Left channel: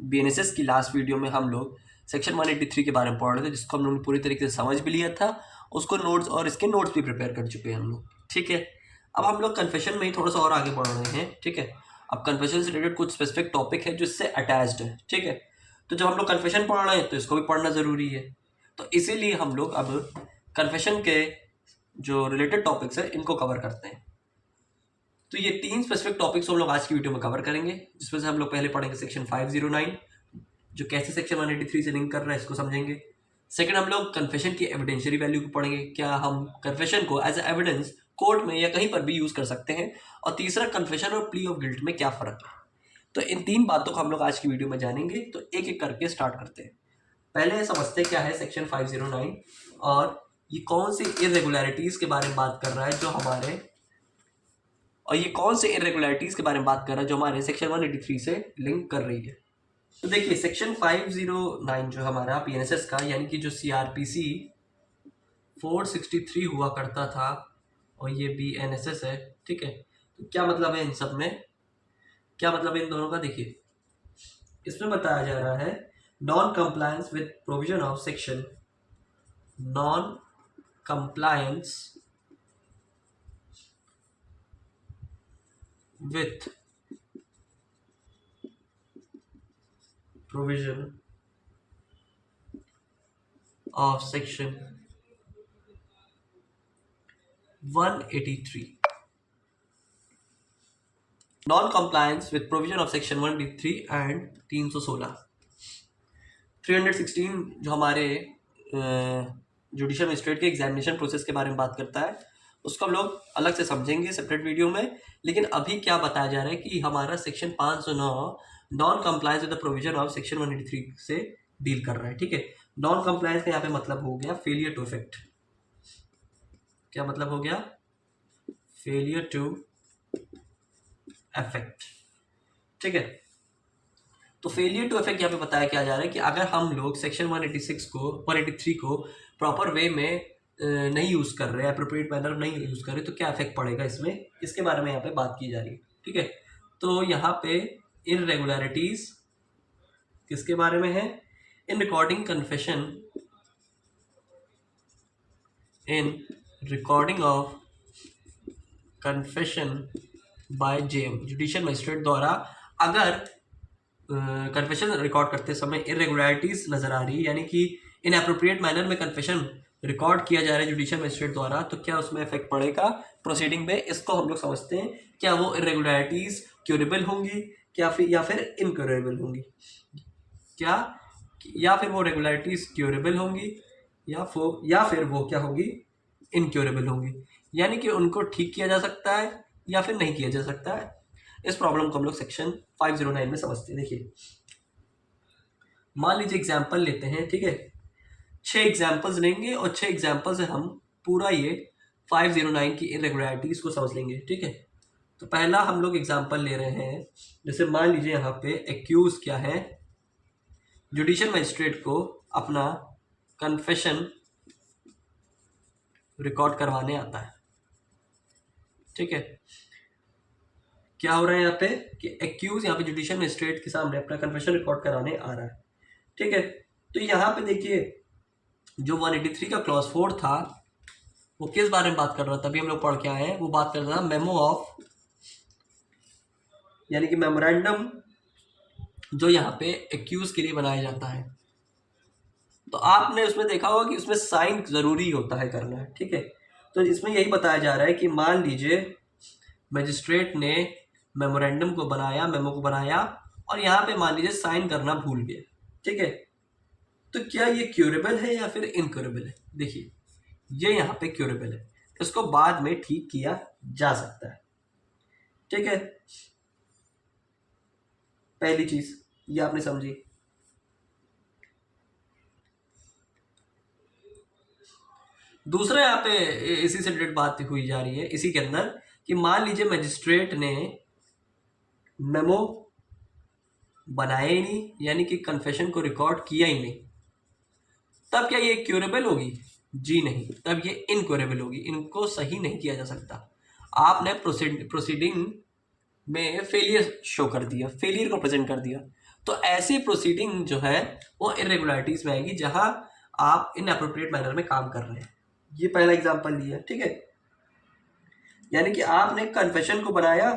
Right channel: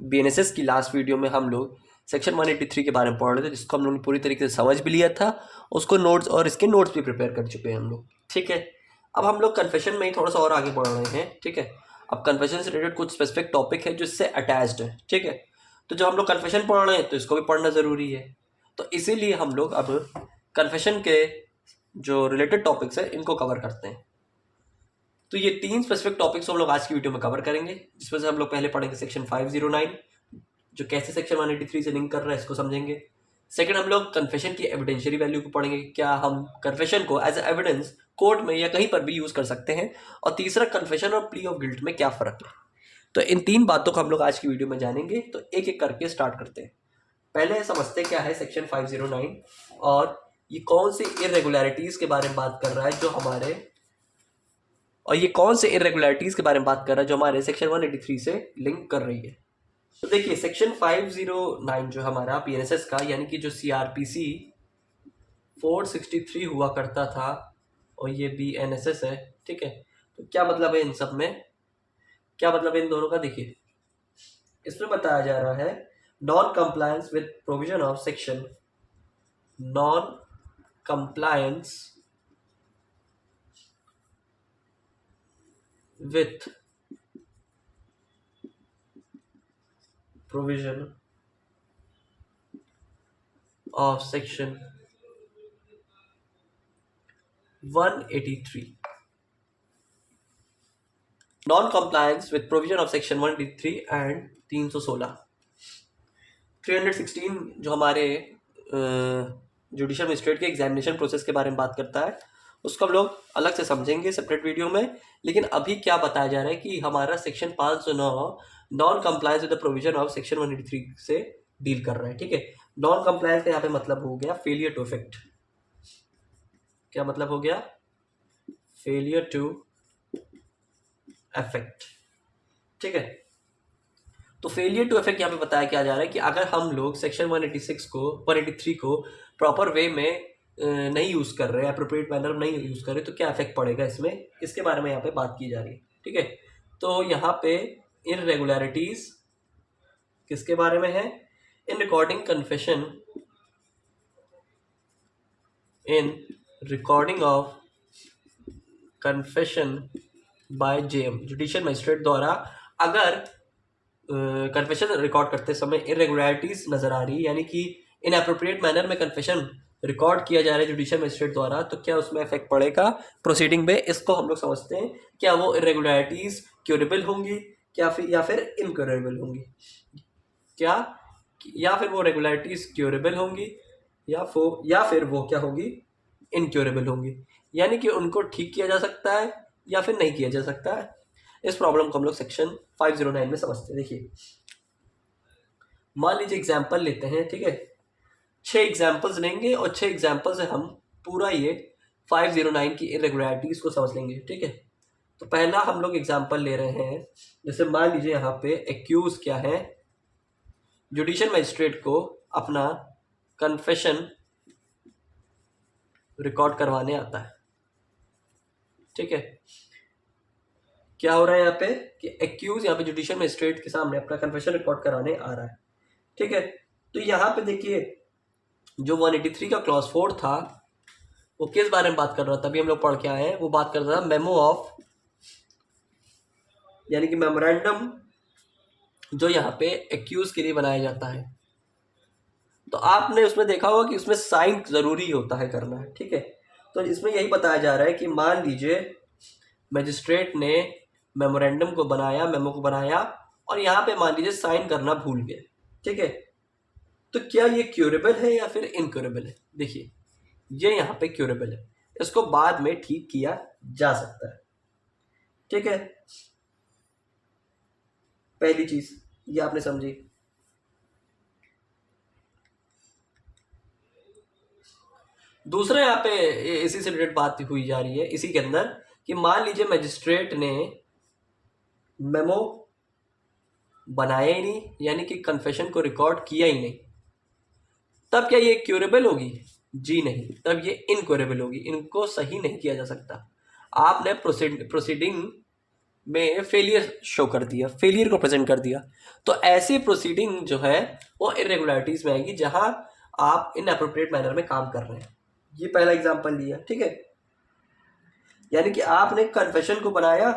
BNSS की last video में हम लोग सेक्शन 183 के बारे में पढ़ रहे थे, जिसको हम लोगों ने पूरी तरीके से समझ भी लिया था। उसको नोट्स और इसके नोट्स भी प्रिपेयर कर चुके हैं हम लोग। ठीक है, अब हम लोग कन्फेशन में ही थोड़ा सा और आगे बढ़ रहे हैं। ठीक है, अब कन्फेशन से रिलेटेड कुछ स्पेसिफिक टॉपिक है जो इससे अटैच्ड है। ठीक है, तो जब हम लोग कन्फेशन पढ़ रहे हैं तो इसको भी पढ़ना ज़रूरी है। तो इसीलिए हम लोग अब कन्फेशन के जो रिलेटेड टॉपिक्स है इनको कवर करते हैं। तो ये 3 स्पेसिफिक टॉपिक्स हम लोग आज की वीडियो में कवर करेंगे, जिसमें से हम लोग पहले पढ़ेंगे सेक्शन 509 जो कैसे सेक्शन 183 से लिंक कर रहा है इसको समझेंगे। सेकंड, हम लोग कन्फेशन की एविडेंशियरी वैल्यू को पढ़ेंगे, क्या हम कन्फेशन को एज एविडेंस कोर्ट में या कहीं पर भी यूज कर सकते हैं। और तीसरा, कन्फेशन और प्ली ऑफ गिल्ट में क्या फर्क है। तो इन 3 बातों को हम लोग आज की वीडियो में जानेंगे। तो एक एक करके स्टार्ट करते हैं। पहले समझते क्या है सेक्शन 509 और ये कौन सी इरेगुलरिटीज के बारे में बात कर रहा है के बारे में बात कर रहा है जो हमारे सेक्शन 183 से लिंक कर रही है। तो देखिए, सेक्शन 509 जो हमारा पीएनएसएस का, यानी कि जो सीआरपीसी 463 हुआ करता था और ये बीएनएसएस है। ठीक है, तो क्या मतलब है इन सब में, क्या मतलब है इन दोनों का। देखिए, इसमें बताया जा रहा है non compliance with provision of section non compliance with provision of section 183 non compliance with provision of section 183 and 316 जो हमारे जुडिशियल मजिस्ट्रेट के एग्जामिनेशन प्रोसेस के बारे में बात करता है, उसको हम लोग अलग से समझेंगे सेपरेट वीडियो में। लेकिन अभी क्या बताया जा रहा है कि हमारा section 509 non compliance with the provision of section 183 से डील कर रहा है। ठीक है, नॉन कंप्लायंस का यहाँ पे मतलब हो गया फेलियर टू इफेक्ट। क्या मतलब हो गया? Failure to effect. ठीक है, तो फेलियर टू इफेक्ट यहाँ पे बताया क्या जा रहा है कि अगर हम लोग सेक्शन 183 को प्रॉपर वे में नहीं यूज कर रहे, एप्रोप्रिएट मैनर नहीं यूज कर रहे, तो क्या इफेक्ट पड़ेगा इसमें, इसके बारे में यहाँ पे बात की जा रही है। ठीक है, तो यहाँ पे इनरेगुलरिटीज किसके बारे में है? In recording confession, in recording of confession by JM, judicial magistrate द्वारा अगर कन्फेशन रिकॉर्ड करते समय इरेगुलरिटीज नजर आ रही है, यानी कि इनएप्रोप्रिएट मैनर में कन्फेशन रिकॉर्ड किया जा रहा है जुडिशियल मजिस्ट्रेट द्वारा, तो क्या उसमें इफेक्ट पड़ेगा प्रोसीडिंग में। इसको हम लोग समझते हैं, क्या वो इरेगुलरिटीज क्यूरेबल होंगी या फिर इनक्यूरेबल होंगी, क्या या फिर वो रेगुलरिटीज क्यूरेबल होंगी या फिर वो क्या होगी, इनक्यूरेबल होंगी, यानी कि उनको ठीक किया जा सकता है या फिर नहीं किया जा सकता है। इस प्रॉब्लम को हम लोग सेक्शन 509 में समझते हैं। देखिए, मान लीजिए एग्जाम्पल लेते हैं। ठीक है, 6 एग्जाम्पल्स लेंगे और 6 एग्जाम्पल से हम पूरा ये 509 की इरेगुलरिटीज को समझ लेंगे। ठीक है, तो पहला हम लोग एग्जाम्पल ले रहे हैं। जैसे मान लीजिए यहाँ पे एक्यूज क्या है, जुडिशियल मजिस्ट्रेट को अपना कन्फेशन रिकॉर्ड करवाने आता है। ठीक है, क्या हो रहा है यहाँ पे कि एक्यूज यहाँ पे जुडिशियल मजिस्ट्रेट के सामने अपना कन्फेशन रिकॉर्ड कराने आ रहा है। ठीक है, तो यहाँ पे देखिए जो 183 का क्लॉज 4 था वो किस बारे में बात कर रहा था, तभी हम लोग पढ़ के आए हैं। वो बात कर रहा था मेमो ऑफ, यानी कि मेमोरेंडम जो यहाँ पे एक्यूज के लिए बनाया जाता है। तो आपने उसमें देखा होगा कि उसमें साइन जरूरी होता है करना। ठीक है, तो इसमें यही बताया जा रहा है कि मान लीजिए मजिस्ट्रेट ने मेमोरेंडम को बनाया, मेमो को बनाया, और यहाँ पे मान लीजिए साइन करना भूल गए। ठीक है, तो क्या ये क्यूरेबल है या फिर इनक्यूरेबल है? देखिए, ये यहाँ पे क्यूरेबल है, इसको बाद में ठीक किया जा सकता है। ठीक है, पहली चीज ये आपने समझी। दूसरा यहाँ पे इसी से रिलेटेड बात हुई जा रही है इसी के अंदर कि मान लीजिए मजिस्ट्रेट ने मेमो बनाया ही नहीं, यानी कि कन्फेशन को रिकॉर्ड किया ही नहीं, तब क्या ये क्यूरेबल होगी? जी नहीं, तब ये इनक्यूरेबल होगी, इनको सही नहीं किया जा सकता। आपने प्रोसीडिंग में फेलियर शो कर दिया, फेलियर को प्रेजेंट कर दिया, तो ऐसी प्रोसीडिंग जो है वो इरेगुलरिटीज में आएगी जहां आप इन अप्रोप्रिएट मैनर में काम कर रहे हैं। ये पहला एग्जांपल लिया, ठीक है। यानी कि आपने कन्फेशन को बनाया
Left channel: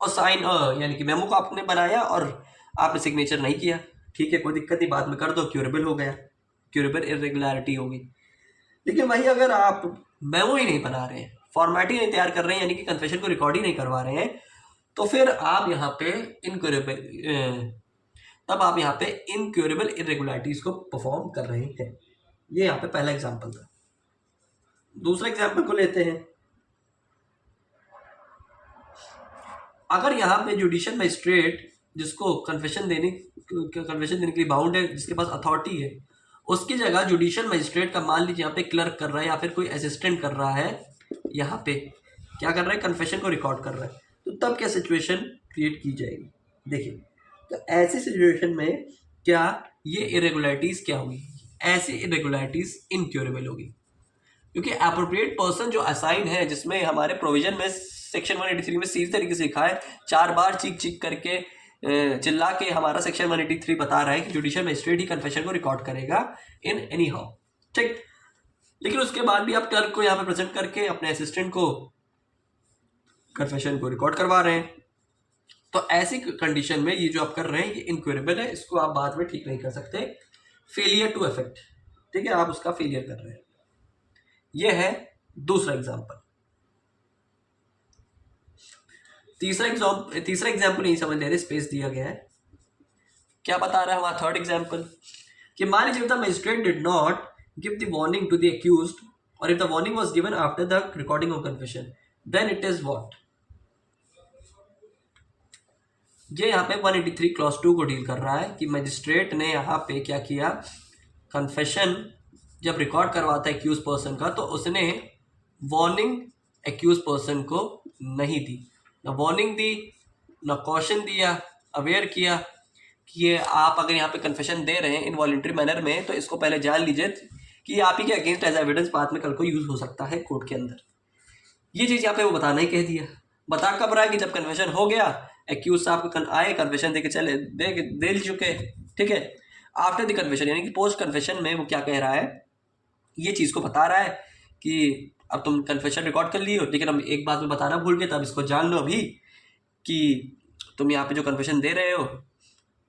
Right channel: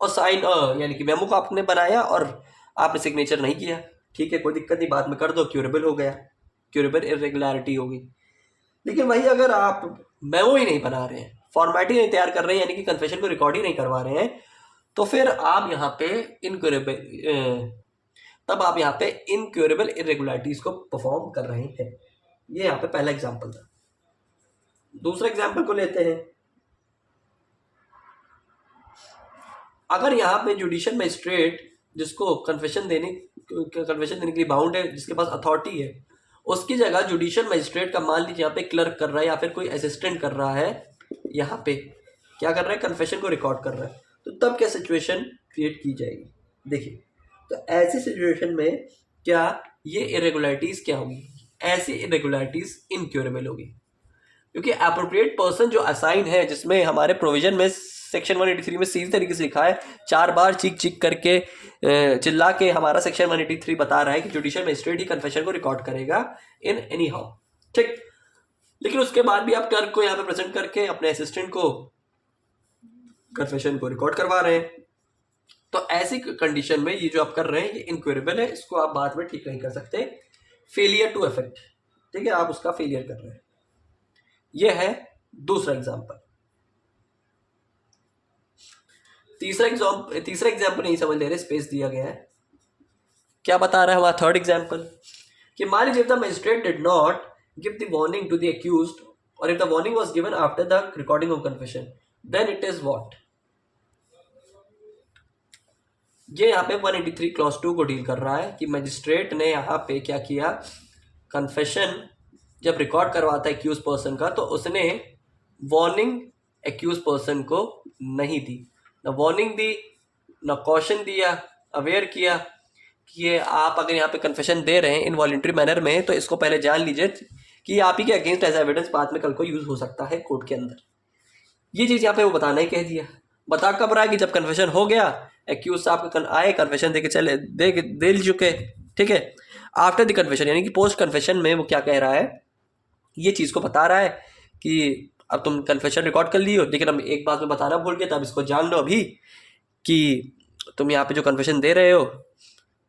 और साइन यानी कि मेमो को आपने बनाया और आपने सिग्नेचर नहीं किया, ठीक है, कोई दिक्कत नहीं, बाद में कर दो, क्यूरेबल हो गया, क्यूरेबल इरेगुलरिटी होगी। लेकिन वही अगर आप मेमो ही नहीं बना रहे हैं, फॉर्मेट ही नहीं तैयार कर रहे हैं, यानी कि कन्फेशन को रिकॉर्ड ही नहीं करवा रहे हैं, तो फिर आप यहाँ पे तब आप यहाँ पे इनक्यूरेबल इरेगुलरिटीज को परफॉर्म कर रहे हैं। ये यहाँ पे पहला एग्जाम्पल था। दूसरा एग्जाम्पल को लेते हैं। अगर यहाँ पे जुडिशियल मजिस्ट्रेट जिसको कन्फेशन देने के लिए बाउंड है, जिसके पास अथॉरिटी है, उसकी जगह जुडिशियल मजिस्ट्रेट का मान लीजिए यहाँ पे क्लर्क कर रहा है या फिर कोई असिस्टेंट कर रहा है, यहाँ पे क्या कर रहा है, कन्फेशन को रिकॉर्ड कर रहा है, तो तब क्या सिचुएशन क्रिएट की जाएगी। देखिए, तो ऐसी सिचुएशन में क्या ये इरेगुलरिटीज क्या होगी, ऐसी इरेगुलरिटीज इनक्यूरेबल होगी, क्योंकि अप्रोप्रिएट पर्सन जो असाइन है, जिसमें हमारे प्रोविजन में सेक्शन 183 में सीधी तरीके से लिखा है, 4 बार चीख चीख करके चिल्ला के हमारा सेक्शन 183 बता रहा है कि जुडिशियल मजिस्ट्रेट ही कन्फेशन को रिकॉर्ड करेगा इन एनी हाउ, ठीक। लेकिन उसके बाद भी आप क्लर्क को यहाँ पे प्रेजेंट करके अपने असिस्टेंट को कन्फेशन को रिकॉर्ड करवा रहे हैं, तो ऐसी कंडीशन में ये जो आप कर रहे हैं ये इनक्यूरेबल है, इसको आप बाद में ठीक नहीं कर सकते, फेलियर टू इफेक्ट, ठीक है, आप उसका फेलियर कर रहे हैं। ये है दूसरा एग्जाम्पल। तीसरा एग्जाम्पल नहीं समझ ले रहे, स्पेस दिया गया है, क्या बता रहा है हमारा थर्ड एग्जाम्पल, कि मान लीजिए the magistrate did not give the warning to the accused, और if the warning was given after the recording of confession, then it is what. ये यहाँ पे 183 क्लॉज 2 को डील कर रहा है कि मजिस्ट्रेट ने यहाँ पे क्या किया, कन्फेशन जब रिकॉर्ड करवाता है एक्यूज पर्सन का, तो उसने वार्निंग एक्यूज पर्सन को नहीं दी, न वार्निंग दी, न कॉशन दिया, अवेयर किया कि ये आप अगर यहाँ पे कन्फेशन दे रहे हैं इनवॉलंटरी मैनर में, तो इसको पहले जान लीजिए कि आप ही के अगेंस्ट एज एविडेंस बाद में कल को यूज हो सकता है कोर्ट के अंदर। ये चीज़ यहाँ पे वो बताना ही कह दिया। बता कब रहा है कि जब कन्फेशन हो गया, एक्यूज साहब आए, कन्फेशन दे के चले, दे चुके, ठीक है। आफ्टर द कन्फेशन यानी कि पोस्ट कन्फेशन में वो क्या कह रहा है, ये चीज़ को बता रहा है कि अब तुम कन्फेशन रिकॉर्ड कर ली हो, लेकिन अब एक बात में बताना भूल गए, तब इसको जान लो अभी कि तुम यहाँ पे जो कन्फेशन दे रहे हो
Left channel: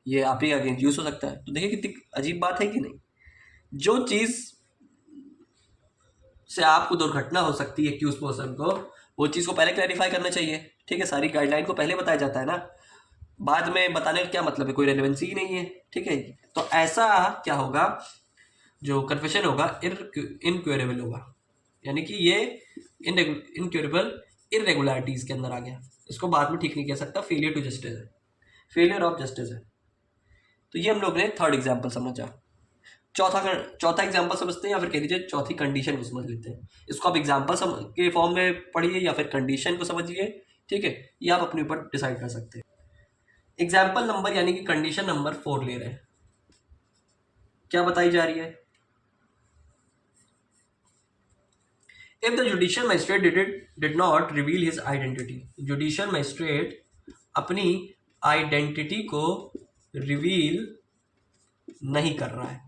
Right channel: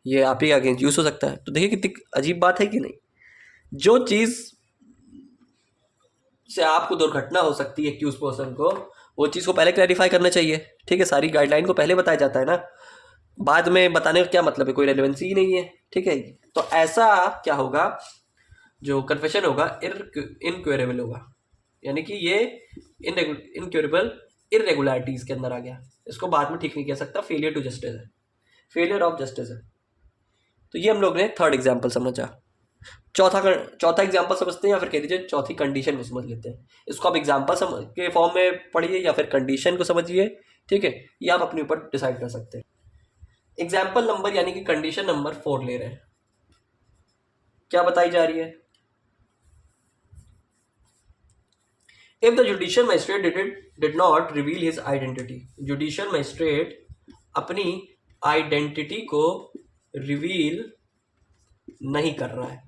ये आप ही का अगेंस्ट यूज हो सकता है। तो देखिए कितनी अजीब बात है कि नहीं, जो चीज़ से आपको दुर्घटना हो सकती है एक्यूज पर्सन को, वो चीज़ को पहले क्लैरिफाई करना चाहिए, ठीक है, सारी गाइडलाइन को पहले बताया जाता है ना, बाद में बताने का क्या मतलब है, कोई रेलेवेंसी ही नहीं है, ठीक है। तो ऐसा क्या होगा, जो कन्फेशन होगा इनक्यूरेबल होगा, यानी कि ये इनक्यूरेबल इरेगुलरिटीज के अंदर आ गया, इसको बाद में ठीक नहीं कह सकता, फेलियर टू जस्टिस है, फेलियर ऑफ जस्टिस है। तो ये हम लोग ने थर्ड एग्जाम्पल समझा। चौथा एग्जाम्पल समझते हैं, या फिर कह दीजिए चौथी कंडीशन को समझ लेते हैं। इसको आप एग्जाम्पल के फॉर्म में पढ़िए या फिर कंडीशन को समझिए, ठीक है, ये आप अपने ऊपर डिसाइड कर सकते हैं। एग्जाम्पल नंबर यानी कि कंडीशन नंबर 4 ले रहे हैं, क्या बताई जा रही है, if the judicial magistrate did not reveal his identity, judicial magistrate अपनी आइडेंटिटी को रिवील नहीं कर रहा है,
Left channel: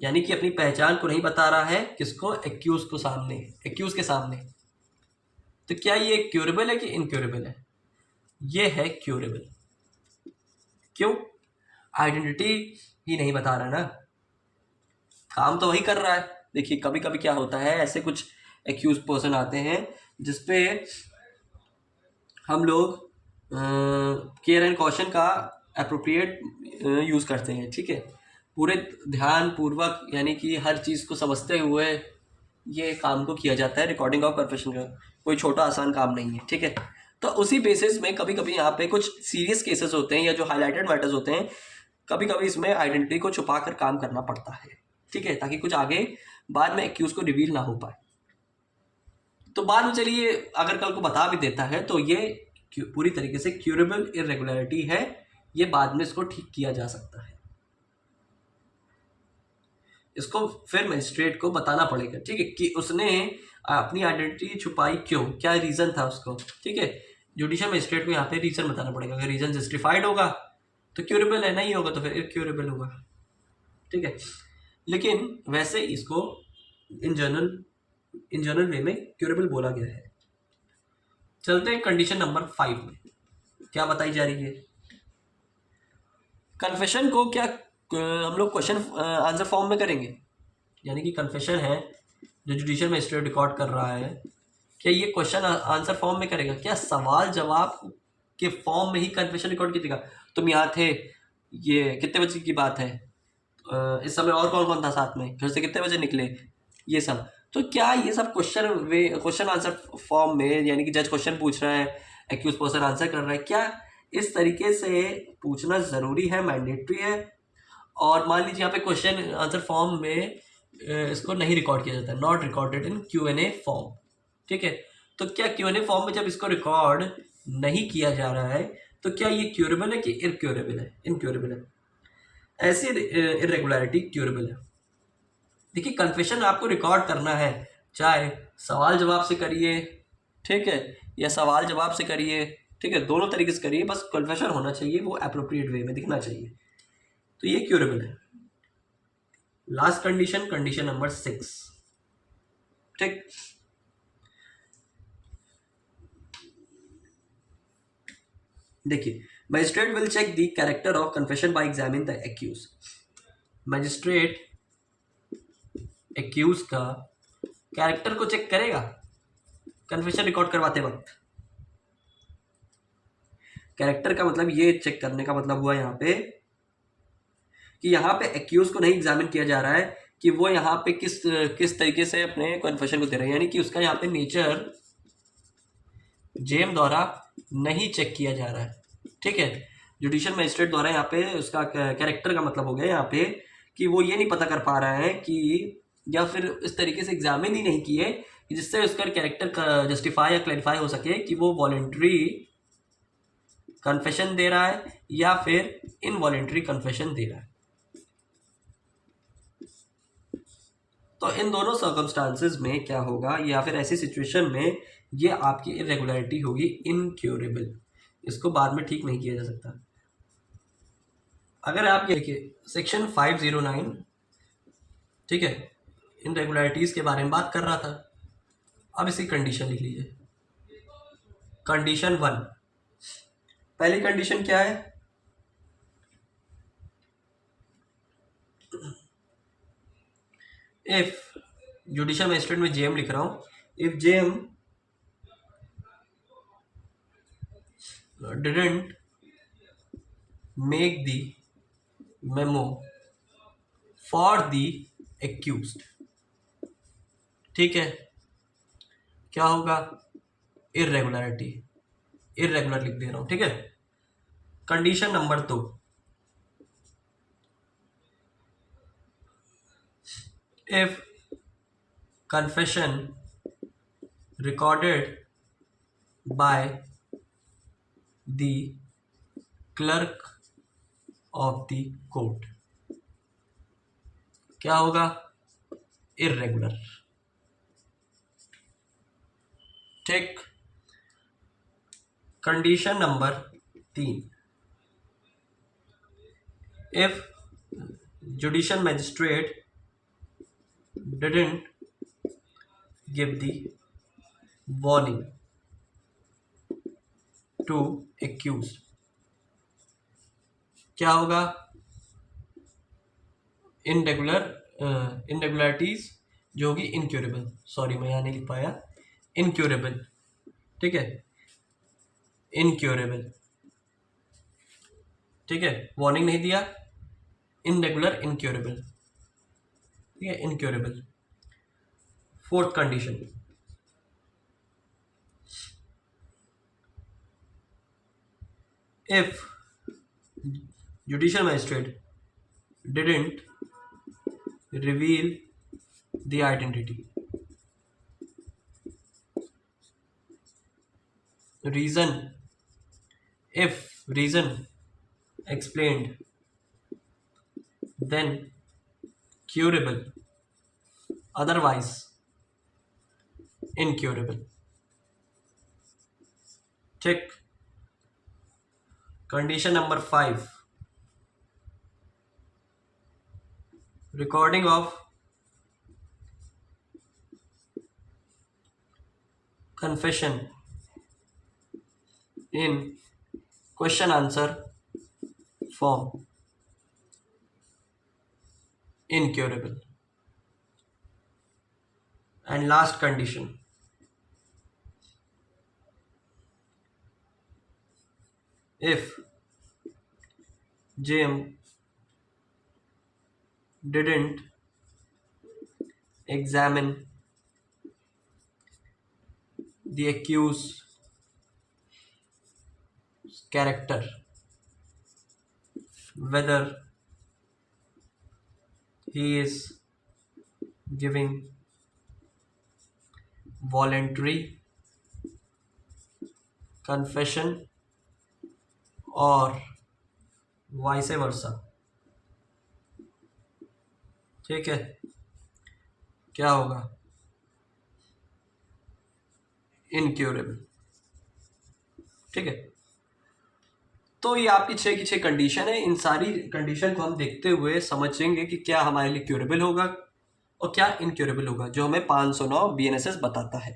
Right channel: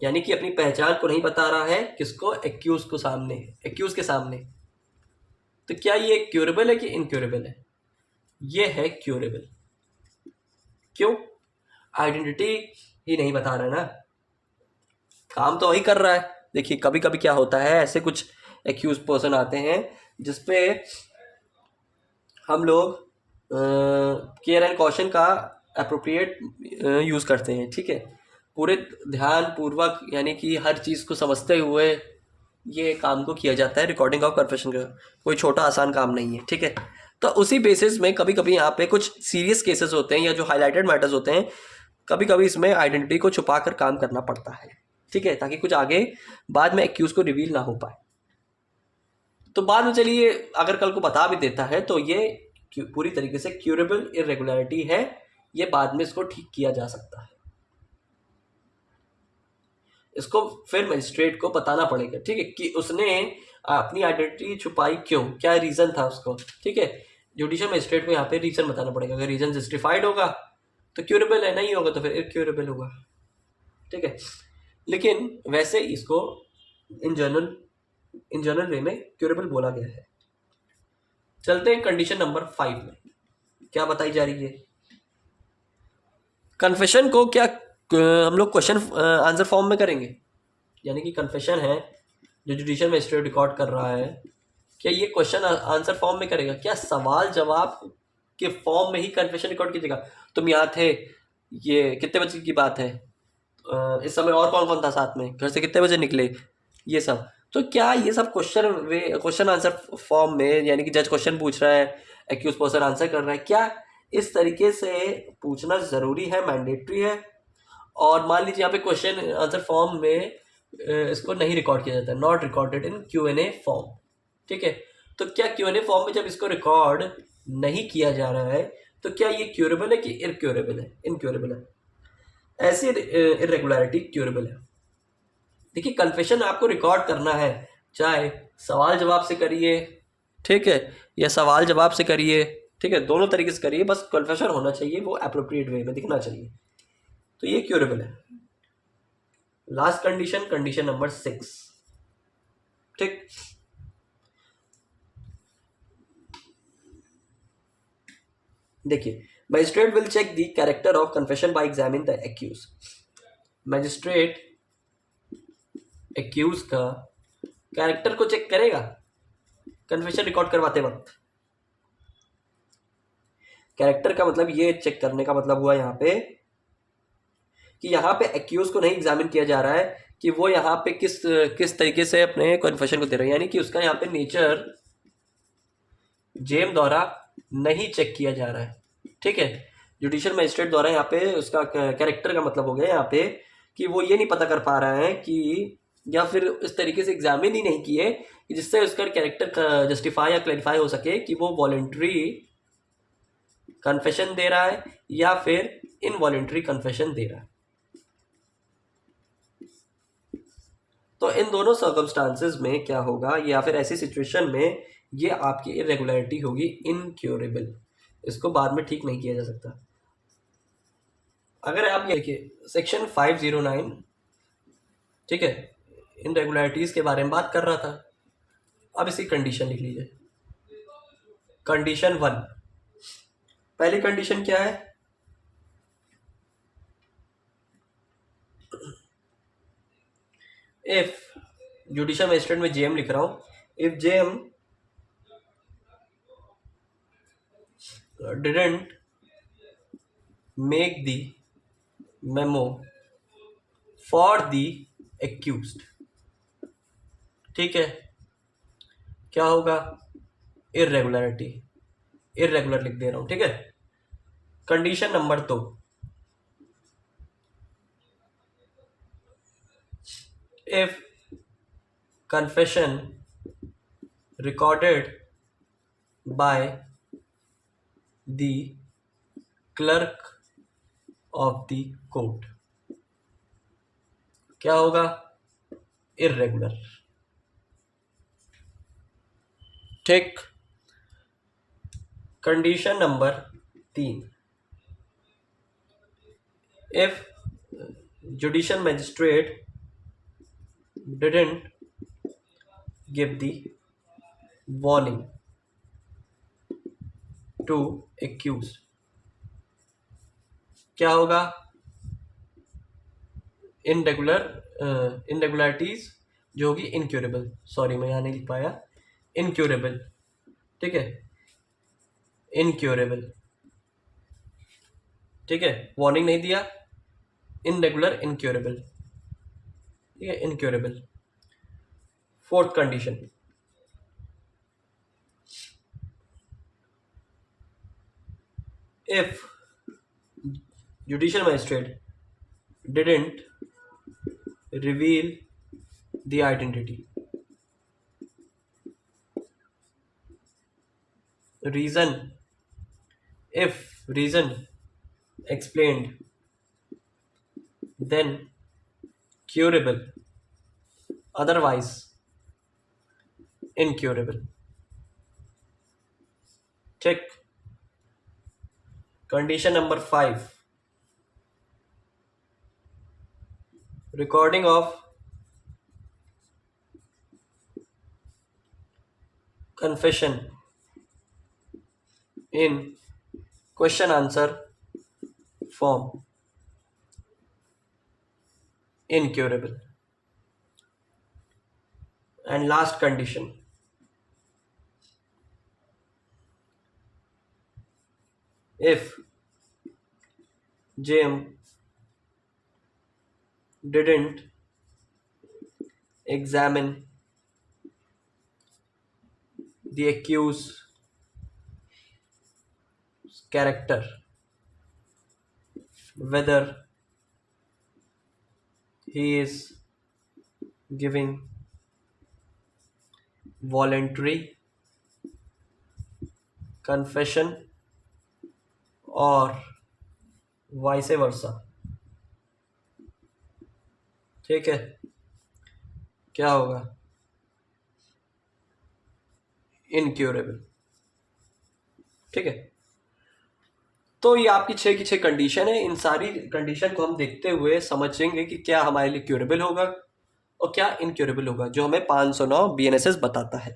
यानी कि अपनी पहचान को नहीं बता रहा है, किसको, एक्यूज के सामने, तो क्या ये क्यूरेबल है कि इनक्यूरेबल है, ये है क्यूरेबल। क्यों, आइडेंटिटी ही नहीं बता रहा ना, काम तो वही कर रहा है। देखिए कभी कभी क्या होता है, ऐसे कुछ एक्यूज पर्सन आते हैं जिसपे हम लोग केयर एंड कॉशन का अप्रोप्रिएट यूज़ करते हैं, ठीक है, पूरे ध्यान पूर्वक, यानी कि हर चीज़ को समझते हुए ये काम को किया जाता है, रिकॉर्डिंग ऑफ कन्फेशन का कोई छोटा आसान काम नहीं है, ठीक है। तो उसी बेसिस में कभी कभी यहाँ पे कुछ सीरियस केसेस होते हैं या जो हाईलाइटेड मैटर्स होते हैं, कभी कभी इसमें आइडेंटिटी को छुपा कर काम करना पड़ता है, ठीक है, ताकि कुछ आगे बाद में एक्यूज को रिवील ना हो पाए। तो बाद में चलिए अगर कल को बता भी देता है तो ये पूरी तरीके से क्यूरेबल इरेगुलरिटी है, ये बाद में इसको ठीक किया जा सकता है, इसको फिर मजिस्ट्रेट को बताना पड़ेगा, ठीक है, कि उसने अपनी आइडेंटिटी छुपाई क्यों, क्या रीजन था उसको, ठीक है। जुडिशियल मजिस्ट्रेट को यहाँ पे रीजन बताना पड़ेगा। अगर रीजन जस्टिफाइड होगा तो क्यूरेबल है, नहीं होगा तो फिर इनक्यूरेबल होगा, ठीक है। लेकिन वैसे इसको इन जनरल वे में क्यूरेबल बोला गया है। चलते हैं कंडीशन नंबर 5 में, क्या बताई जा रही है। कन्फेशन को क्या हम लोग क्वेश्चन आंसर फॉर्म में करेंगे, यानी कि कन्फेशन है जो जुडिशियल मजिस्ट्रेट रिकॉर्ड कर रहा है, क्या ये क्वेश्चन आंसर फॉर्म में करेगा, क्या सवाल जवाब के फॉर्म में ही कन्फेशन रिकॉर्ड कीजिएगा। तुम यहाँ थे, ये कितने बजे की बात है, इस समय और कौन कौन था साथ में, घर से कितने बजे निकले, ये सब। तो क्या ये सब क्वेश्चन आंसर फॉर्म में, यानी कि जज क्वेश्चन पूछ रहा है, एक्यूज पर्सन आंसर कर रहा है, क्या इस तरीके से पूछना ज़रूरी है, मैंडेटरी है। और मान लीजिए यहाँ पे क्वेश्चन आंसर फॉर्म में इसको नहीं रिकॉर्ड किया जाता है, not recorded in Q&A form, ठीक है। तो क्या Q&A फॉर्म में जब इसको रिकॉर्ड नहीं किया जा रहा है तो क्या ये क्यूरेबल है कि इनक्यूरेबल है, इनक्यूरेबल है। ऐसी इरेगुलरिटी क्यूरेबल है। देखिए कन्फेशन आपको रिकॉर्ड करना है, चाहे सवाल जवाब से करिए, ठीक है, या सवाल जवाब से करिए, ठीक है, दोनों तरीके से करिए, बस कन्फेशन होना चाहिए, वो अप्रोप्रिएट वे में दिखना चाहिए, तो ये क्यूरेबल है। लास्ट कंडीशन, कंडीशन नंबर 6, ठीक। देखिए magistrate will check the character of confession by examine the accuse. Magistrate accuse का कैरेक्टर को चेक करेगा कन्फेशन रिकॉर्ड करवाते वक्त। कैरेक्टर का मतलब ये चेक करने का मतलब हुआ यहाँ पे कि यहाँ पे एक्यूज को नहीं एग्जामिन किया जा रहा है कि वो यहाँ पे किस किस तरीके से अपने कन्फेशन को दे रहा है, यानी कि उसका यहाँ पे नेचर जेम द्वारा नहीं चेक किया जा रहा है, ठीक है। जुडिशियल मजिस्ट्रेट द्वारा यहाँ पे उसका कैरेक्टर का मतलब हो गया यहाँ पे कि वो ये नहीं पता कर पा रहा है कि, या फिर इस तरीके से एग्जामिन ही नहीं किए कि जिससे उसका कैरेक्टर जस्टिफाई या क्लैरिफाई हो सके कि वो वॉलेंट्री कन्फेशन दे रहा है या फिर इनवॉलेंट्री कन्फेशन दे रहा है। तो इन दोनों सर्कमस्टांसेस में क्या होगा, या फिर ऐसी सिचुएशन में ये आपकी इरेगुलरिटी होगी इनक्योरेबल, इसको बाद में ठीक नहीं किया जा सकता। अगर आप ये देखिए सेक्शन 509, ठीक है, इन रेगुलरिटीज के बारे में बात कर रहा था। अब इसकी कंडीशन लिख लीजिए। कंडीशन 1, पहली कंडीशन क्या है, इफ जुडिशियल मजिस्ट्रेट में जेएम लिख रहा हूं, if JM didn't make the memo for the accused, ठीक है, क्या होगा, इरेगुलरिटी, इरेगुलर लिख दे रहा हूं, ठीक है। Condition number 2, if confession recorded by the clerk of the court, क्या होगा, इरेगुलर, ठीक। Condition number 3, if judicial magistrate didn't give the warning to accused, क्या होगा, इनरेगुलरिटीज जो होगी इनक्यूरेबल, सॉरी मैं यहाँ नहीं लिख पाया, इनक्यूरेबल, ठीक है, इनक्यूरेबल, ठीक है, वार्निंग नहीं दिया, इनरेगुलर इनक्यूरेबल, ठीक है, incurable. Fourth condition, if judicial magistrate didn't reveal the identity, reason, if reason explained then curable, otherwise incurable. ठीक। Condition number 5, recording of confession in question answer form, incurable. And last condition, if Jim didn't examine the accused's character, whether he is giving voluntary confession or vice versa, ठीक है, क्या होगा? Incurable. ठीक है, तो ये आपकी 6 की 6 कंडीशन है। इन सारी कंडीशन को हम देखते हुए समझेंगे कि क्या हमारे लिए क्योरेबल होगा और क्या इनक्योरेबल होगा, जो हमें 509 BNSS बताता है।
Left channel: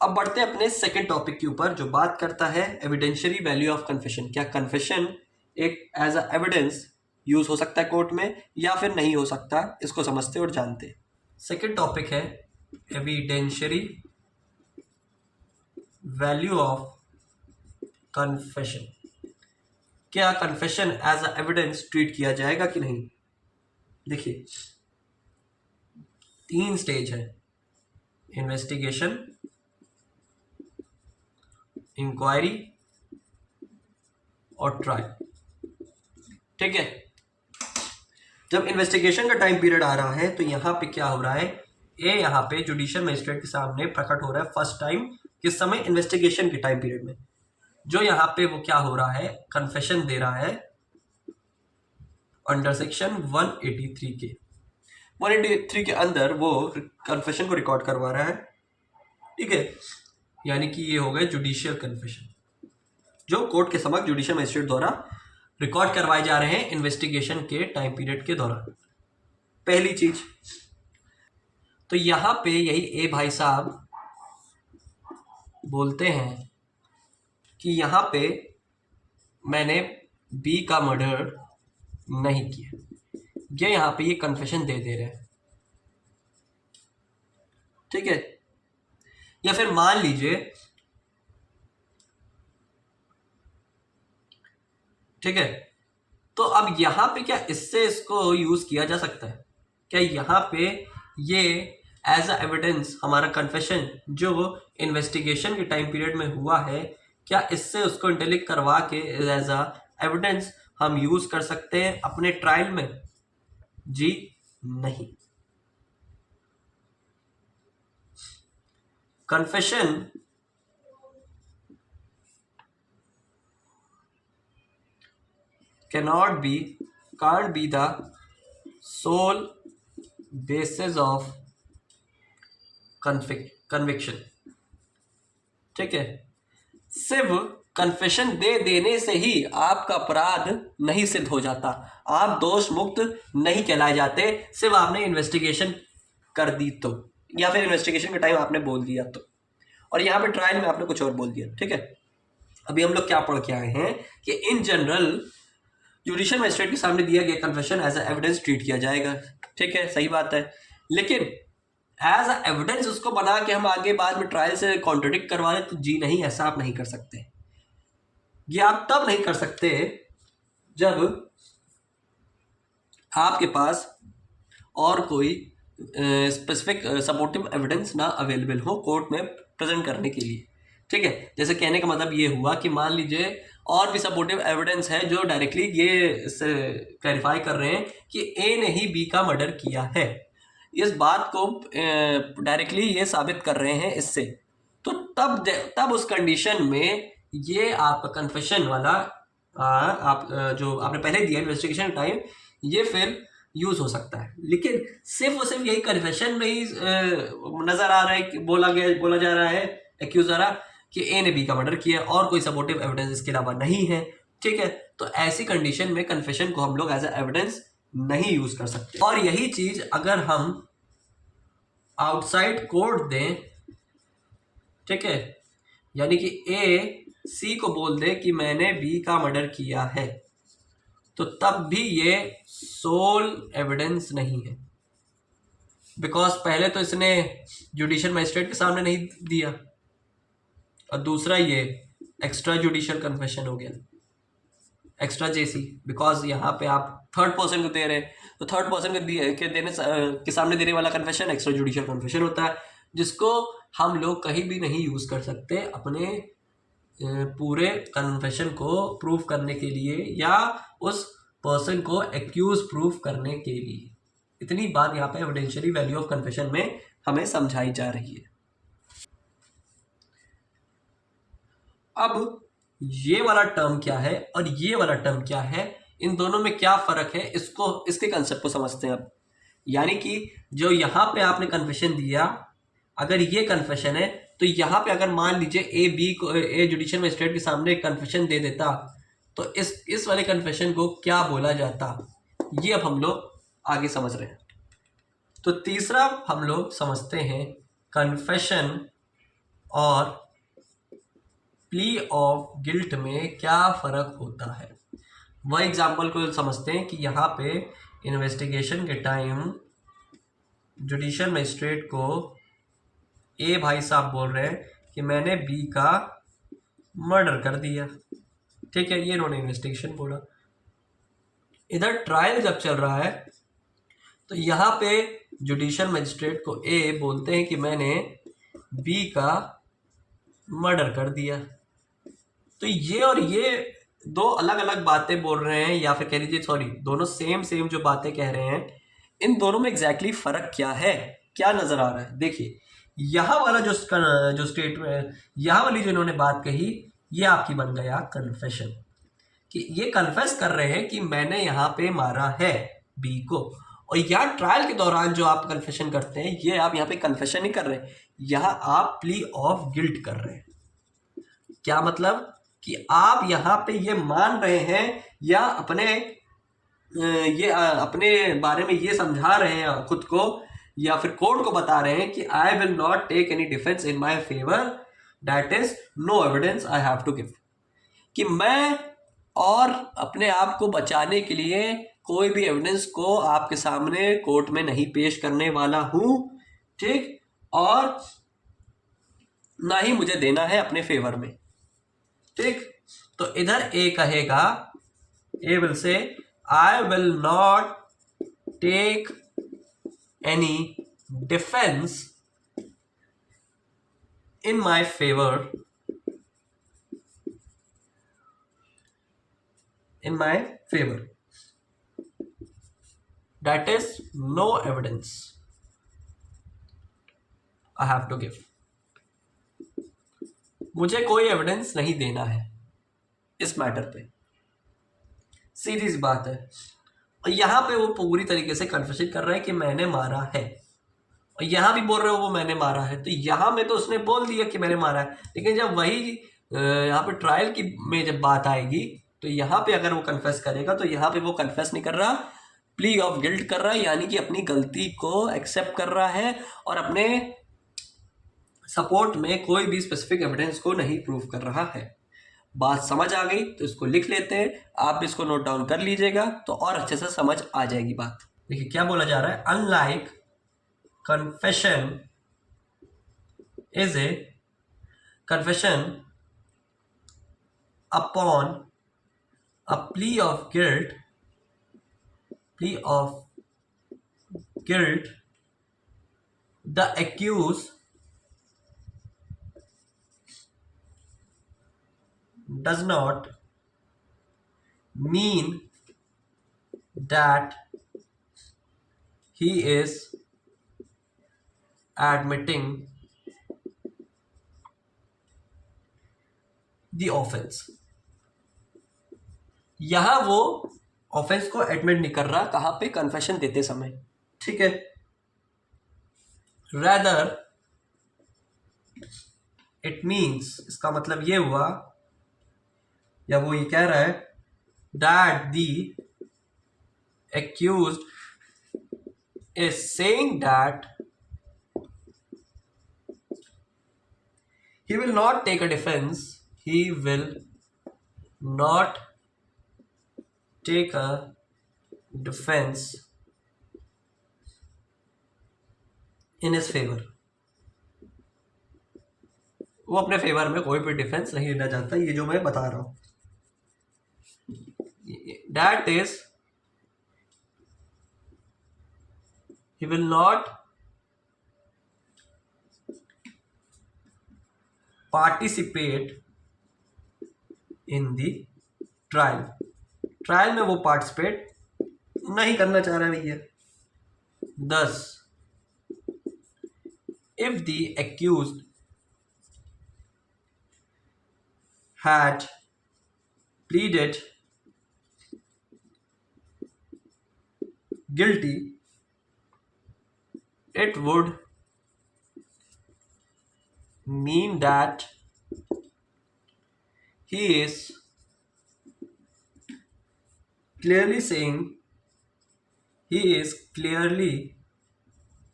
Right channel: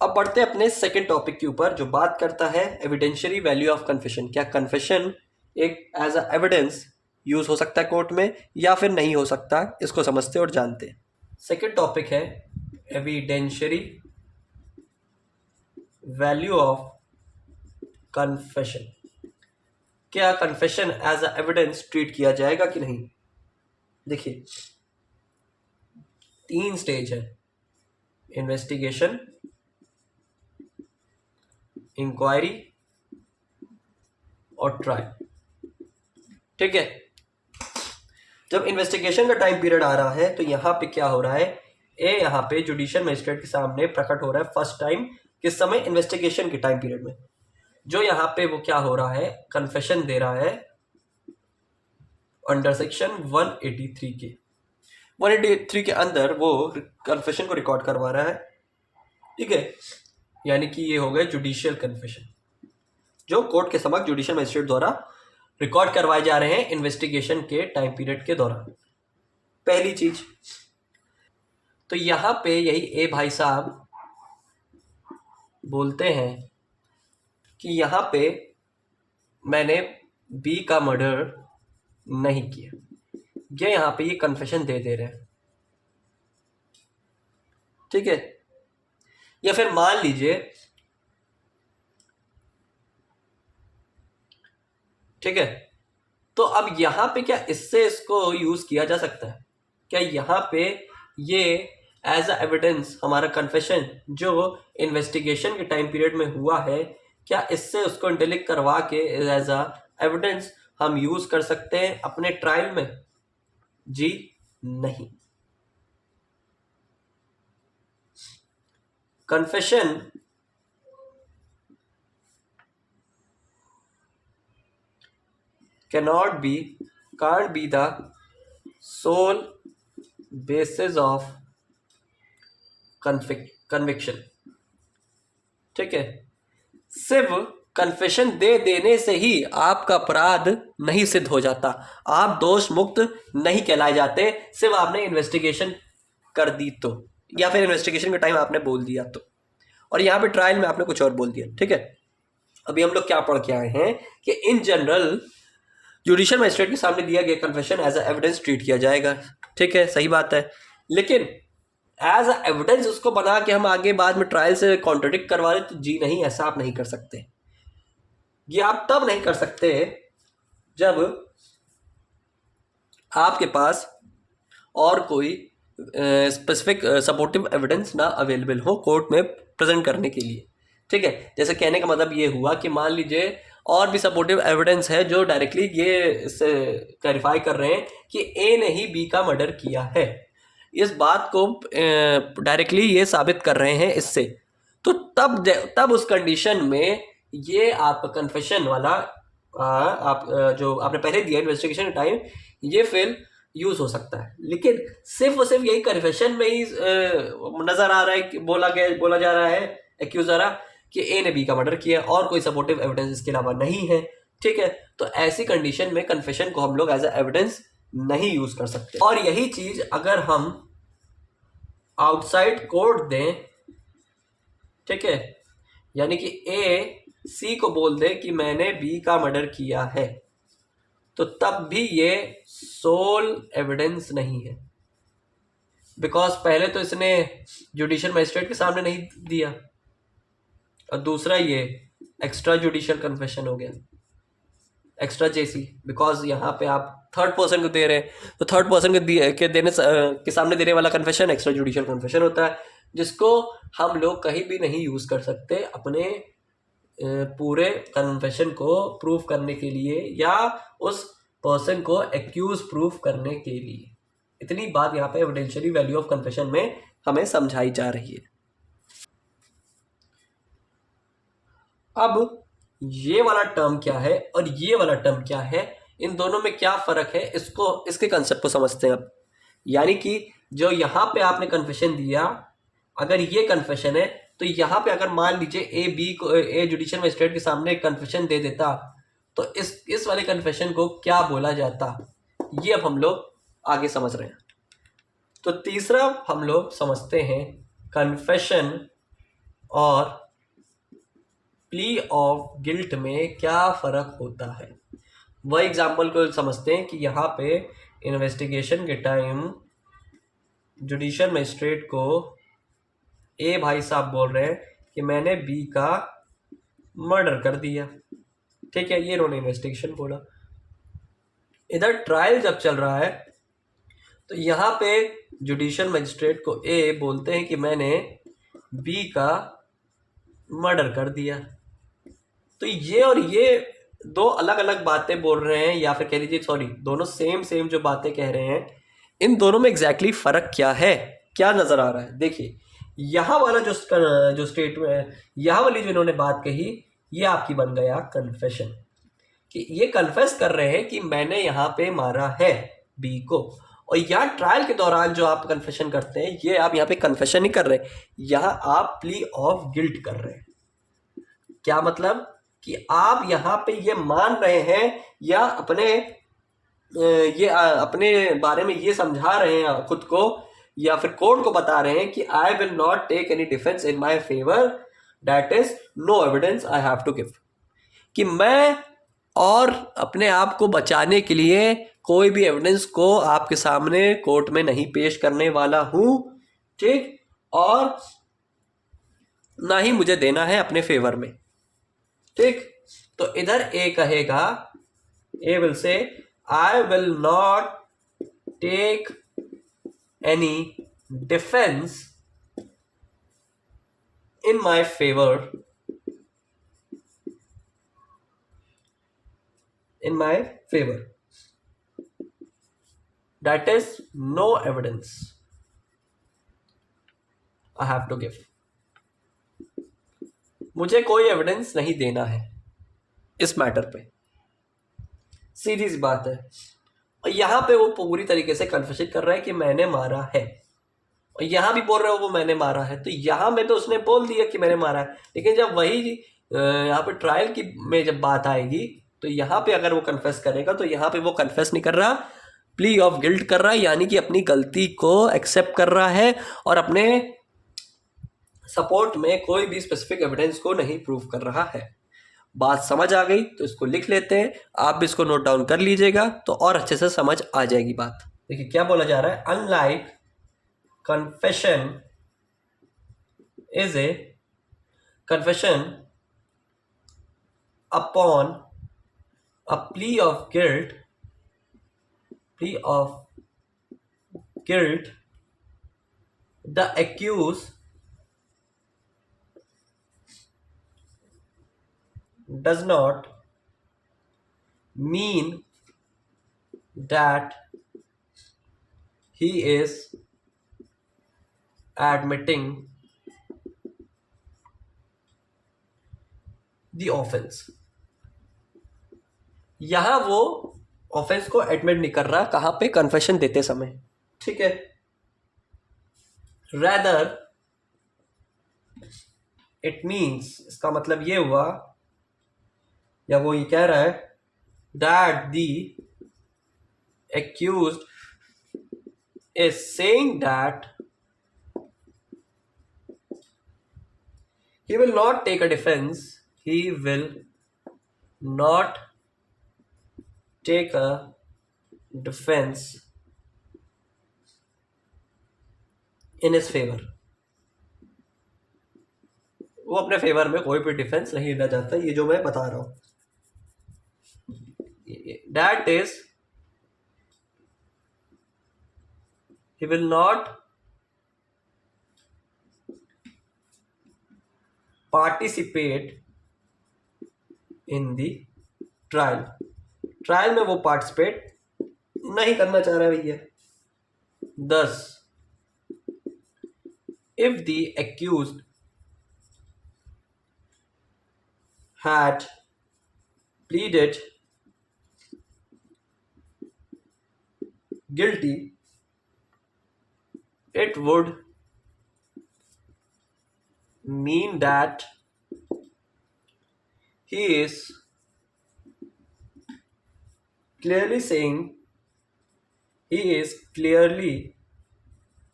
अब बढ़ते हैं अपने सेकंड टॉपिक के ऊपर, जो बात करता है एविडेंशियरी वैल्यू ऑफ कन्फेशन। क्या कन्फेशन एक एज अ एविडेंस यूज हो सकता है कोर्ट में या फिर नहीं हो सकता, इसको समझते और जानते हैं। सेकंड टॉपिक है एविडेंशियरी वैल्यू ऑफ कन्फेशन। क्या confession as a evidence treat किया जाएगा कि नहीं? देखिए, 3 स्टेज है, इन्वेस्टिगेशन, इंक्वायरी और ट्रायल। ठीक है, जब इन्वेस्टिगेशन का टाइम पीरियड आ रहा है तो यहां पे क्या हो रहा है, यहां पे जुडिशियल मजिस्ट्रेट के सामने प्रकट हो रहा है फर्स्ट टाइम, किस समय? इन्वेस्टिगेशन के टाइम पीरियड में। जो यहाँ पे वो क्या हो रहा है, कन्फेशन दे रहा है अंडर सेक्शन 183 के 183 के अंदर वो कन्फेशन को रिकॉर्ड करवा रहा है। ठीक है, यानी कि ये हो गए जुडिशियल कन्फेशन, जो कोर्ट के समक्ष जुडिशियल मजिस्ट्रेट द्वारा रिकॉर्ड करवाए जा रहे हैं इन्वेस्टिगेशन के टाइम पीरियड के दौरान। पहली चीज तो यहां पे यही ए भाई साहब बोलते हैं कि यहां पे मैंने बी का मर्डर नहीं किया, ये यहां पे ये कन्फेशन दे रहे हैं। ठीक है, या फिर मान लीजिए, ठीक है, तो अब यहां पे क्या इससे इसको यूज किया जा सकता है? क्या यहां पे ये एज अ एविडेंस हमारा कन्फेशन जो इन्वेस्टिगेशन के टाइम पीरियड में हुआ है, क्या इससे उसको इंटेलिक्ट करवा के एज अ एविडेंस हम यूज कर सकते हैं अपने ट्रायल में? जी नहीं। Confession can't be the sole basis of conviction। ठीक है, सिर्फ कन्फेशन दे देने से ही आपका अपराध नहीं सिद्ध हो जाता, आप दोष मुक्त नहीं कहलाए जाते, सिर्फ आपने इन्वेस्टिगेशन कर दी तो, या फिर इन्वेस्टिगेशन का टाइम आपने बोल दिया तो, और यहाँ पे ट्रायल में आपने कुछ और बोल दिया। ठीक है, अभी हम लोग क्या पढ़ के आए हैं कि इन जनरल जुडिशियल मजिस्ट्रेट के सामने दिया गया confession as a evidence treat किया जाएगा। ठीक है, सही बात है, लेकिन एज अ एविडेंस उसको बना के हम आगे बाद में ट्रायल से कॉन्ट्रडिक्ट करवा रहे, तो जी नहीं, ऐसा आप नहीं कर सकते। ये आप तब नहीं कर सकते जब आपके पास और कोई स्पेसिफिक सपोर्टिव एविडेंस ना अवेलेबल हो कोर्ट में प्रेजेंट करने के लिए। ठीक है, जैसे कहने का मतलब ये हुआ कि मान लीजिए और भी सपोर्टिव एविडेंस है जो डायरेक्टली ये क्लैरिफाई कर रहे हैं कि ए ने ही बी का मर्डर किया है, इस बात को डायरेक्टली ये साबित कर रहे हैं इससे, तो तब उस कंडीशन में ये आपका कन्फेशन वाला आप जो आपने पहले दिया इन्वेस्टिगेशन टाइम, ये फिर यूज हो सकता है, लेकिन सिर्फ और सिर्फ यही कन्फेशन में ही नजर आ रहा है कि बोला जा रहा है एक्यूज द्वारा कि ए ने बी का मर्डर किया और कोई सपोर्टिव एविडेंस इसके अलावा नहीं है। ठीक है, तो ऐसी कंडीशन में कन्फेशन को हम लोग एज ए एविडेंस नहीं यूज कर सकते। और यही चीज अगर हम आउटसाइड कोर्ट दें, ठीक है, यानी कि ए सी को बोल दे कि मैंने बी का मर्डर किया है, तो तब भी ये सोल एविडेंस नहीं है, बिकॉज पहले तो इसने जुडिशियल मजिस्ट्रेट के सामने नहीं दिया, और दूसरा ये एक्स्ट्रा जुडिशियल कन्फेशन हो गया, एक्स्ट्रा जेसी, बिकॉज यहाँ पे आप थर्ड पर्सन को दे रहे हैं, तो थर्ड पर्सन के सामने देने वाला कन्फेशन एक्स्ट्रा जुडिशियल कन्फेशन होता है, जिसको हम लोग कहीं भी नहीं यूज कर सकते अपने पूरे कन्फेशन को प्रूफ करने के लिए या उस पर्सन को एक्यूज प्रूफ करने के लिए। इतनी बात यहाँ पे एविडेंशियली वैल्यू ऑफ कन्फेशन में हमें समझाई जा रही है। अब ये वाला टर्म क्या है और ये वाला टर्म क्या है, इन दोनों में क्या फर्क है, इसके कंसेप्ट को समझते हैं अब। यानी कि जो यहाँ पे आपने कन्फेशन दिया, अगर ये कन्फेशन है, तो यहाँ पे अगर मान लीजिए ए जुडिशियल मजिस्ट्रेट के सामने कन्फेशन दे देता, तो इस वाले कन्फेशन को क्या बोला जाता, ये अब हम लोग आगे समझ रहे हैं। तो तीसरा हम लोग समझते हैं कन्फेशन और प्ली ऑफ गिल्ट में क्या फर्क होता है। वह एग्जाम्पल को समझते हैं कि यहाँ पे इन्वेस्टिगेशन के टाइम जुडिशियल मजिस्ट्रेट को ए भाई साहब बोल रहे हैं कि मैंने बी का मर्डर कर दिया। ठीक है, ये इन्होंने इन्वेस्टिगेशन बोला। इधर ट्रायल जब चल रहा है तो यहाँ पे जुडिशियल मजिस्ट्रेट को ए बोलते हैं कि मैंने बी का मर्डर कर दिया। तो ये और ये दो अलग अलग बातें बोल रहे हैं, या फिर कह लीजिए सॉरी, दोनों सेम जो बातें कह रहे हैं, इन दोनों में एग्जैक्टली फर्क क्या है, क्या नजर आ रहा है। देखिए, यहाँ वाला जो स्टेटमेंट, यहाँ वाली जो इन्होंने बात कही, ये आपकी बन गया कन्फेशन, कि ये कन्फेस कर रहे हैं कि मैंने यहाँ पे मारा है बी को। और यहाँ ट्रायल के दौरान जो आप कन्फेशन करते हैं, ये आप यहाँ पे कन्फेशन नहीं कर रहे, यहाँ आप प्ली ऑफ गिल्ट कर रहे हैं। क्या मतलब कि आप यहाँ पे ये मान रहे हैं या अपने बारे में ये समझा रहे हैं खुद को, या फिर कोर्ट को बता रहे हैं कि I will not take any defence in my favour, that is no evidence I have to give, कि मैं और अपने आप को बचाने के लिए कोई भी एविडेंस को आपके सामने कोर्ट में नहीं पेश करने वाला हूं। ठीक, और ना ही मुझे देना है अपने फेवर में। ठीक, तो इधर ए कहेगा, A will say I will not take any defence in my favour, in my favor, that is no evidence I have to give, मुझे कोई एविडेंस नहीं देना है इस मैटर पे। सीधी सी बात है। और यहाँ पे वो पूरी तरीके से कन्फेशन कर रहा है कि मैंने मारा है, और यहाँ भी बोल रहा है वो मैंने मारा है। तो यहाँ में तो उसने बोल दिया कि मैंने मारा है, लेकिन जब वही यहाँ पे ट्रायल की में जब बात आएगी, तो यहाँ पे अगर वो कन्फेस करेगा, तो यहाँ पे वो कन्फेस नहीं कर रहा, प्ली ऑफ गिल्ट कर रहा है, यानी कि अपनी गलती को एक्सेप्ट कर रहा है और अपने सपोर्ट में कोई भी स्पेसिफिक एविडेंस को नहीं प्रूव कर रहा है। बात समझ आ गई तो इसको लिख लेते हैं, आप भी इसको नोट डाउन कर लीजिएगा तो और अच्छे से समझ आ जाएगी बात। देखिए क्या बोला जा रहा है, unlike confession is a confession upon a plea of guilt, the accused does not mean that he is admitting the offense। यहां वो ऑफेंस को एडमिट नहीं कर रहा, कहाँ पे, कन्फेशन देते समय, ठीक है। रैदर इट मीन्स, इसका मतलब ये हुआ, या वो ये कह रहा है, that the accused is saying that he will not take a defense, he will not take a defense in his favor. वो अपने फेवर में कोई भी डिफेंस नहीं लेना चाहता, ये जो मैं बता रहा हूं, that is he will not participate in the trial. Trial में वो पार्टिसिपेट नहीं करना चाह रहा है भैया। Thus, if the accused had pleaded guilty, it would mean that he is clearly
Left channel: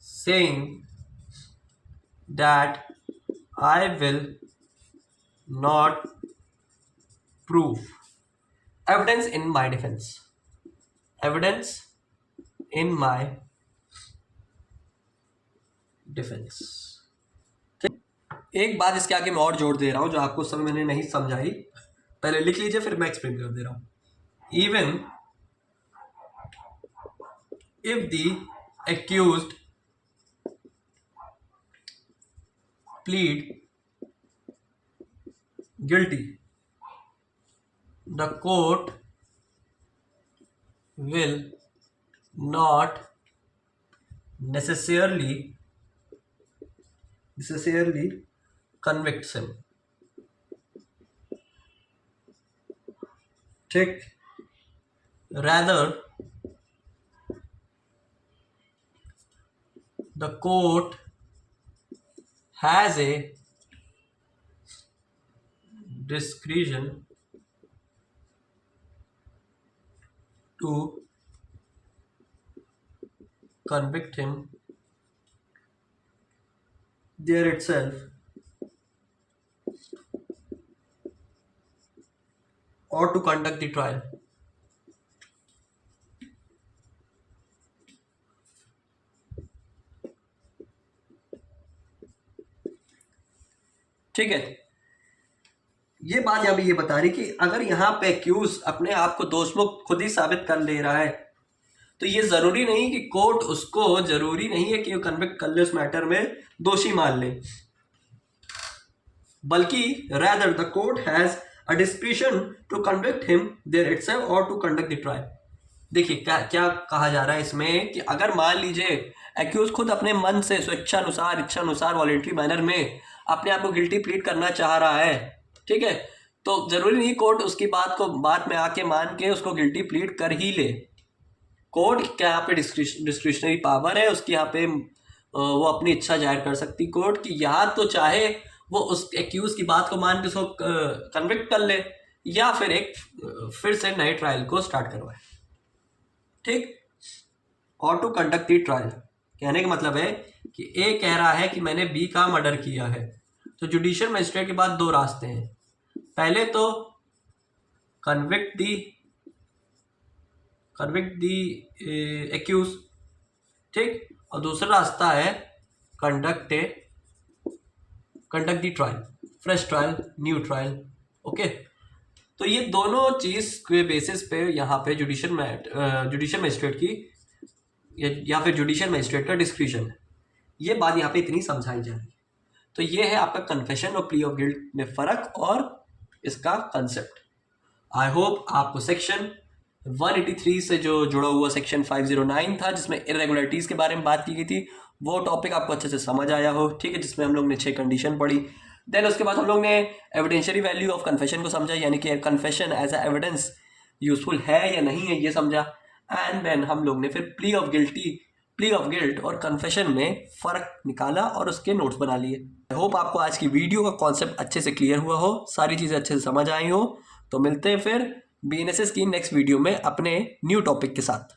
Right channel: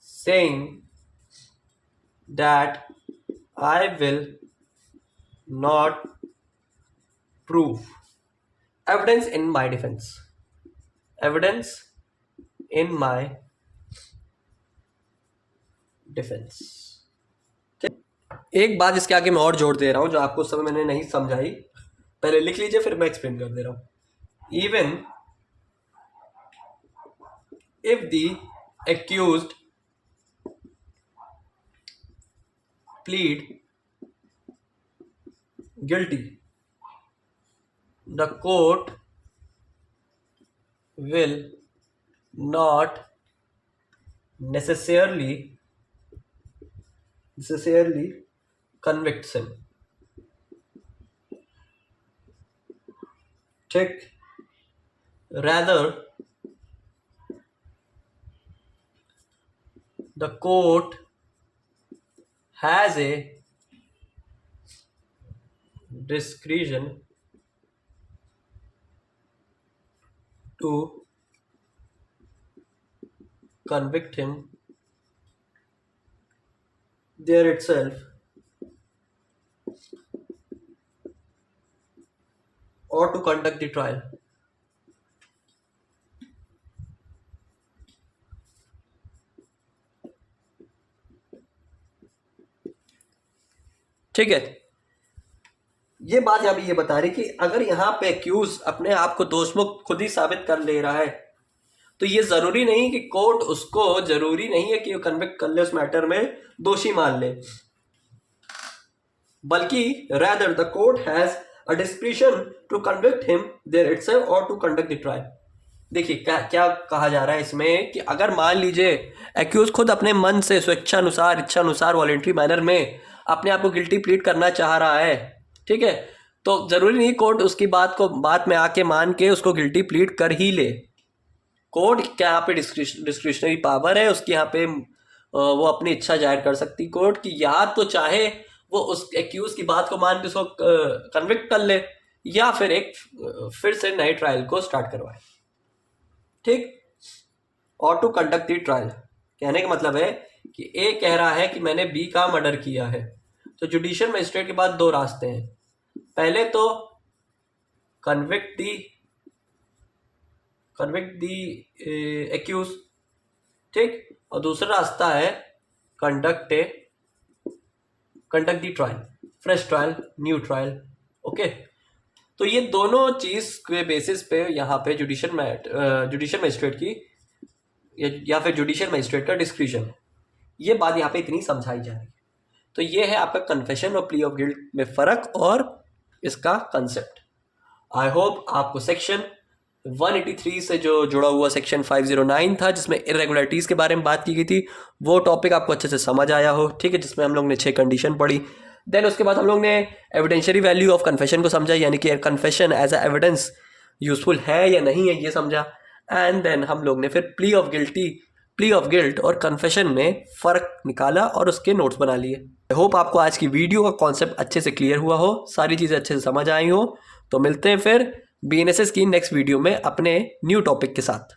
saying that I will not prove evidence in my defense. Evidence in my defence. एक बात इसके आगे मैं और जोड़ दे रहा हूं जो आपको उस समय मैंने नहीं समझाई, पहले लिख लीजिए फिर मैं एक्सप्लेन कर दे रहा हूं। Even if the accused plead guilty, the court will not necessarily convicts him, ठीक। rather the court has a discretion to convict him there itself or to conduct the trial. ठीक है, ये बात अभी ये बता रही कि अगर यहाँ पे एक्यूज अपने आप को दोषमुक्त खुद ही साबित कर ले रहा है तो ये जरूरी नहीं कि कोर्ट उसको, जरूरी नहीं है कि वो कन्विक्ट कर ले, उस मैटर में दोषी मान ले, बल्कि rather the court has a discretion to convict him there itself or to conduct the trial. देखिए क्या कहा जा रहा है इसमें कि अगर मान लीजिए एक्यूज खुद अपने मन से इच्छानुसार वॉलेंट्री मैनर में अपने आप को गिल्टी प्लीड करना चाह रहा है, ठीक है, तो जरूरी नहीं कोर्ट उसकी बात में आके मान के उसको गिल्टी प्लीड कर ही ले। कोर्ट क्या यहाँ पे डिस्क्रिशनरी पावर है उसकी, यहाँ पे वो अपनी इच्छा जाहिर कर सकती कोर्ट की, या तो चाहे वो उस एक्यूज की बात को मान के उसको कन्विक्ट कर ले या फिर से नए ट्रायल को स्टार्ट करवाए, ठीक। और टू कंडक्ट दी ट्रायल कहने का मतलब है कि ए कह रहा है कि मैंने बी का मर्डर किया है, तो जुडिशियल मजिस्ट्रेट के पास दो रास्ते हैं, पहले तो कन्विक्ट दी एक्यूज, ठीक, और दूसरा रास्ता है conduct the trial, fresh trial, new trial, okay. तो ये दोनों चीज के बेसिस पे यहाँ पे जुडिशियल मजिस्ट्रेट की या फिर जुडिशियल मजिस्ट्रेट का डिस्क्रिशन है, ये बात यहाँ पे इतनी समझाई जा रही है। तो ये है आपका कन्फेशन और प्ली ऑफ गिल्ट में फर्क और इसका कंसेप्ट। आई होप आपको सेक्शन 183 से जो जुड़ा हुआ सेक्शन 509 था जिसमें इरेगुलरिटीज़ के बारे में बात की गई थी वो टॉपिक आपको अच्छे से समझ आया हो, ठीक है, जिसमें हम लोग ने 6 कंडीशन पढ़ी। देन उसके बाद हम लोग ने एविडेंशियरी वैल्यू ऑफ कन्फेशन को समझा, यानी कि confession as a evidence useful है या नहीं है ये समझा, एंड देन हम लोग ने फिर प्ली ऑफ गिल्ट और कन्फेशन में फ़र्क निकाला और उसके नोट्स बना लिए। आई होप आपको आज की वीडियो का कॉन्सेप्ट अच्छे से क्लियर हुआ हो, सारी चीज़ें अच्छे से समझ आई हो। तो मिलते हैं फिर BNSS की नेक्स्ट वीडियो में अपने न्यू टॉपिक के साथ।